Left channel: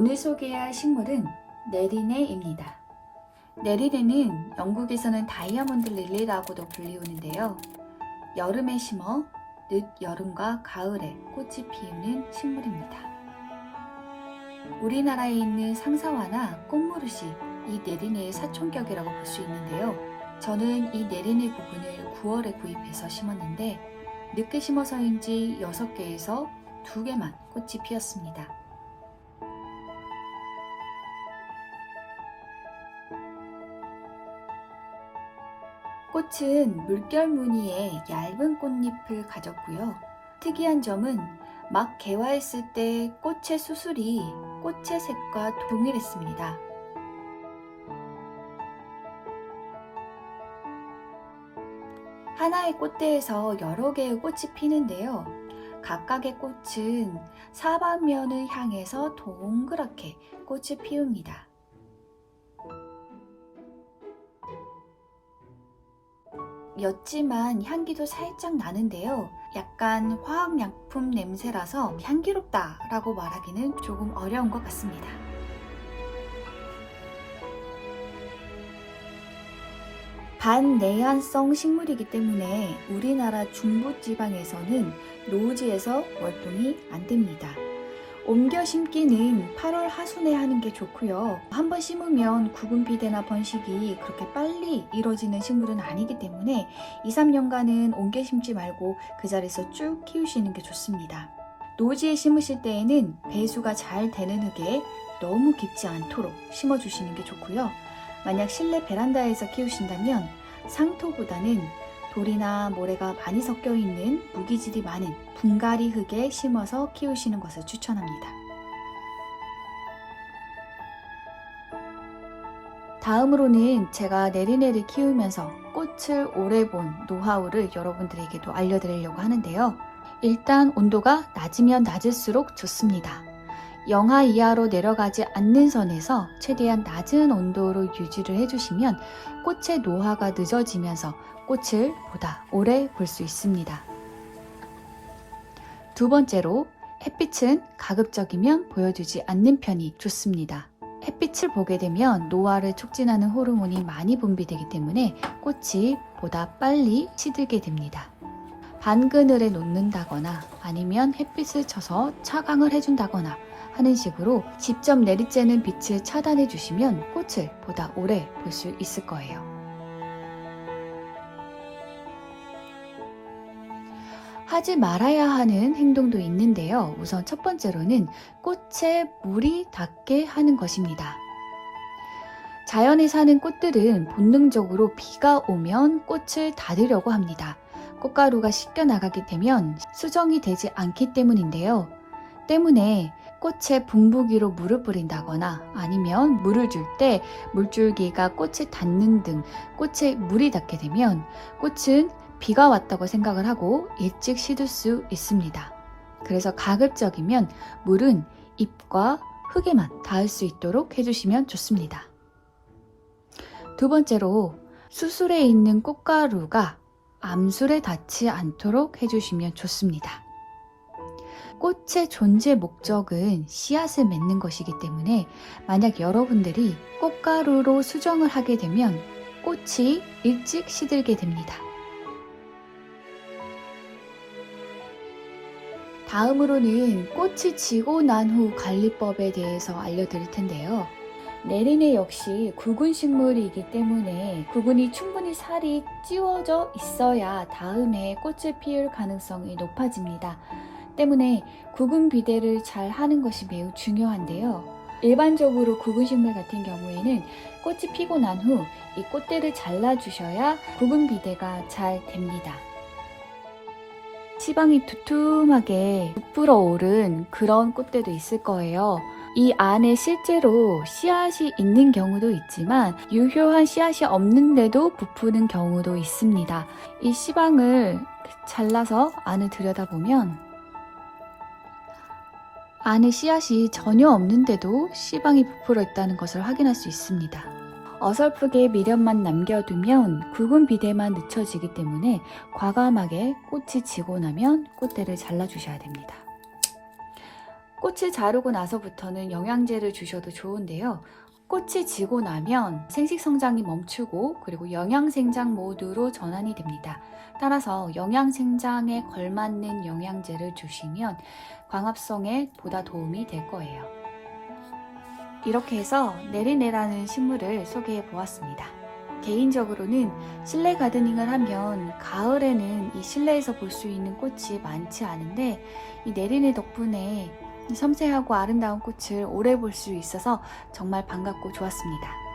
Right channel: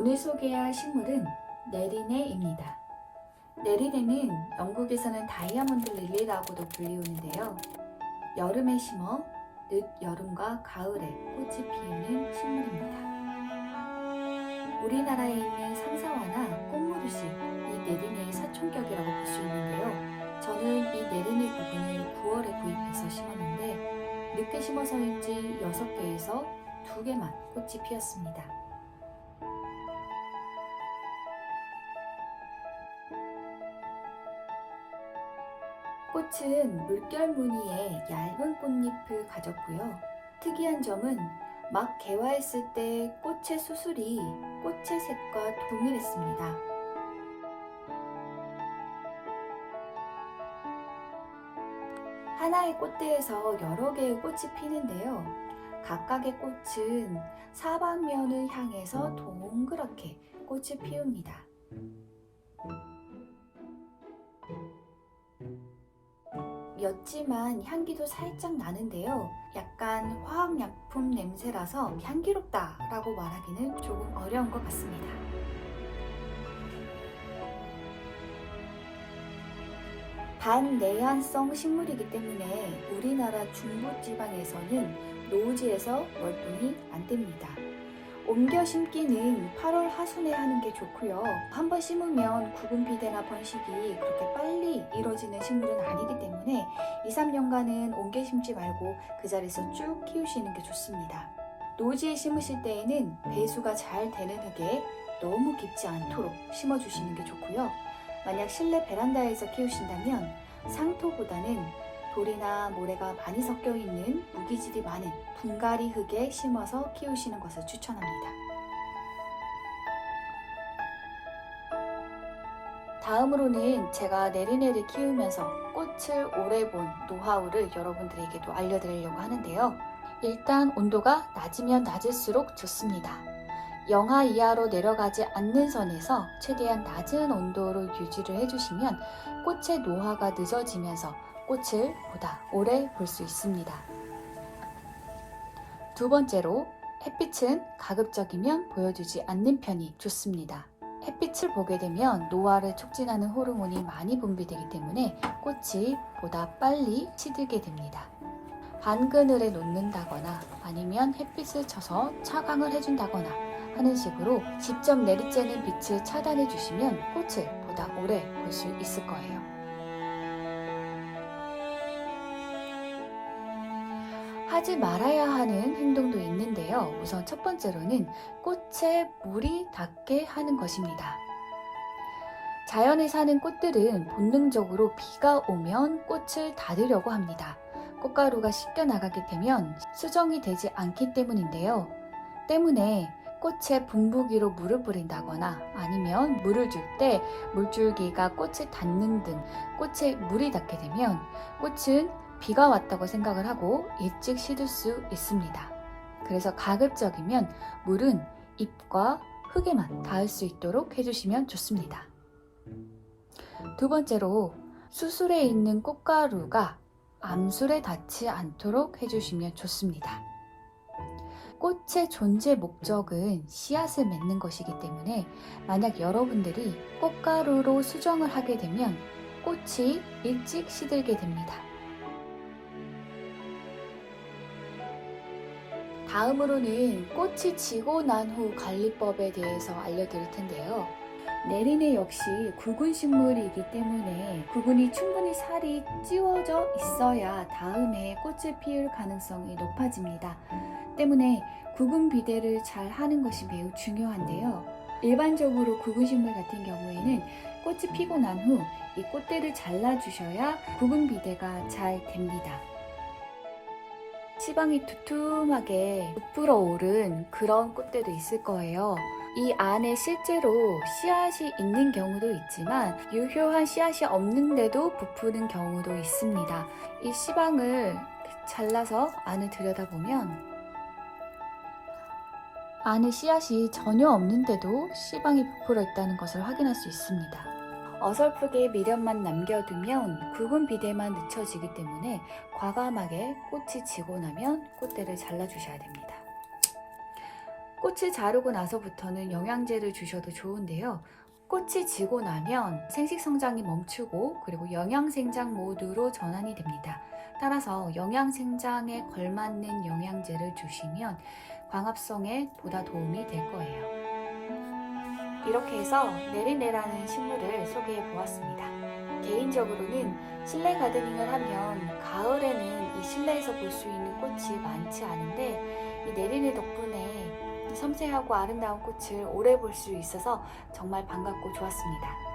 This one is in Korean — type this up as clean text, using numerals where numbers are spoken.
오늘 소개할 식물은 네리네입니다. 네리네는 영국에서는 다이아몬드 릴리라고도 불리우는데요. 여름에 심어 늦 여름과 가을에 꽃이 피우는 식물입니다. 우리나라에 있는 상사화나 꽃무릇이 이 네리네의 사촌격이라고 볼 수 있는데요. 저는 이 네리네 구근을 9월에 구입해서 심었는데 늦게 심어서인지 6개에서 2개만 꽃이 피었습니다. 꽃은 물결 무늬의 얇은 꽃잎을 가졌고요. 특이한 점은 막 개화했을 때 꽃의 수술이 꽃의 색과 동일했습니다. 하나의 꽃대에서 여러 개의 꽃이 피는데요. 각각의 꽃은 사방면을 향해서 동그랗게 꽃을 피웁니다. 옅지만 향기도 살짝 나는데요. 약간 화학약품 냄새라서 향기롭다 라고 말하기는 조금 어려운 것 같습니다. 반내한성 식물이기 때문에 우리나라 중부지방에서는 노지에서 월동이 안 됩니다. 옮겨 심기는 8월 하순에 하는 게 좋고요. 한번 심으면 구근 비대나 번식이 그렇게 빨리 이루어지는 식물은 아니기 때문에 2-3년간은 옮겨 심지 말고 그 자리에서 쭉 키우시는 게 좋습니다. 노지에 심으실 때에는 배수가 잘 되는 흙에 너무 깊지 않도록 심어주시는 게 좋고요. 만약 실내 베란다에서 키우신다면 상토보다는 돌이나 모래가 많이 섞여 있는 무기질이 많은 분갈이 흙에 심어서 키우시는 것을 추천합니다. 다음으로는 제가 네리네를 키우면서 꽃을 오래 본 노하우를 여러분들에게도 알려드리려고 하는데요. 일단 온도가 낮으면 낮을수록 좋습니다. 영하 이하로 내려가지 않는 선에서 최대한 낮은 온도로 유지를 해주시면 꽃의 노화가 늦어지면서 꽃을 보다 오래 볼 수 있습니다. 두 번째로 햇빛은 가급적이면 보여주지 않는 편이 좋습니다. 햇빛을 보게 되면 노화를 촉진하는 호르몬이 많이 분비되기 때문에 꽃이 보다 빨리 시들게 됩니다. 반그늘에 놓는다거나 아니면 햇빛을 쳐서 차광을 해준다거나 하는 식으로 직접 내리쬐는 빛을 차단해 주시면 꽃을 보다 오래 볼 수 있을 거예요. 하지 말아야 하는 행동도 있는데요. 우선 첫 번째로는 꽃에 물이 닿게 하는 것입니다. 자연에 사는 꽃들은 본능적으로 비가 오면 꽃을 닫으려고 합니다. 꽃가루가 씻겨 나가게 되면 수정이 되지 않기 때문인데요. 때문에 꽃에 분부기로 물을 뿌린다거나 아니면 물을 줄 때 물줄기가 꽃에 닿는 등 꽃에 물이 닿게 되면 꽃은 비가 왔다고 생각을 하고 일찍 시들 수 있습니다. 그래서 가급적이면 물은 잎과 흙에만 닿을 수 있도록 해주시면 좋습니다. 두 번째로 수술에 있는 꽃가루가 암술에 닿지 않도록 해주시면 좋습니다. 꽃의 존재 목적은 씨앗을 맺는 것이기 때문에 만약 여러분들이 꽃가루로 수정을 하게 되면 꽃이 일찍 시들게 됩니다. 다음으로는 꽃이 지고 난 후 관리법에 대해서 알려드릴 텐데요. 네리네 역시 구근 식물이기 때문에 구근이 충분히 살이 찌워져 있어야 다음에 꽃을 피울 가능성이 높아집니다. 때문에 구근 비대를 잘 하는 것이 매우 중요한데요. 일반적으로 구근 식물 같은 경우에는 꽃이 피고 난 후 이 꽃대를 잘라주셔야 구근 비대가 잘 됩니다. 시방이 두툼하게 부풀어 오른 그런 꽃대도 있을 거예요. 이 안에 실제로 씨앗이 있는 경우도 있지만 유효한 씨앗이 없는데도 부푸는 경우도 있습니다. 이 씨방을 잘라서 안을 들여다보면 안에 씨앗이 전혀 없는데도 씨방이 부풀어 있다는 것을 확인할 수 있습니다. 어설프게 미련만 남겨두면 구근 비대만 늦춰지기 때문에 과감하게 꽃이 지고 나면 꽃대를 잘라주셔야 됩니다. 꽃을 자르고 나서부터는 영양제를 주셔도 좋은데요. 꽃이 지고 나면 생식 성장이 멈추고 그리고 영양생장 모드로 전환이 됩니다. 따라서 영양생장에 걸맞는 영양제를 주시면 광합성에 보다 도움이 될 거예요. 이렇게 해서 네리네라는 식물을 소개해 보았습니다. 개인적으로는 실내 가드닝을 하면 가을에는 이 실내에서 볼 수 있는 꽃이 많지 않은데 이 네리네 덕분에 섬세하고 아름다운 꽃을 오래 볼 수 있어서 정말 반갑고 좋았습니다.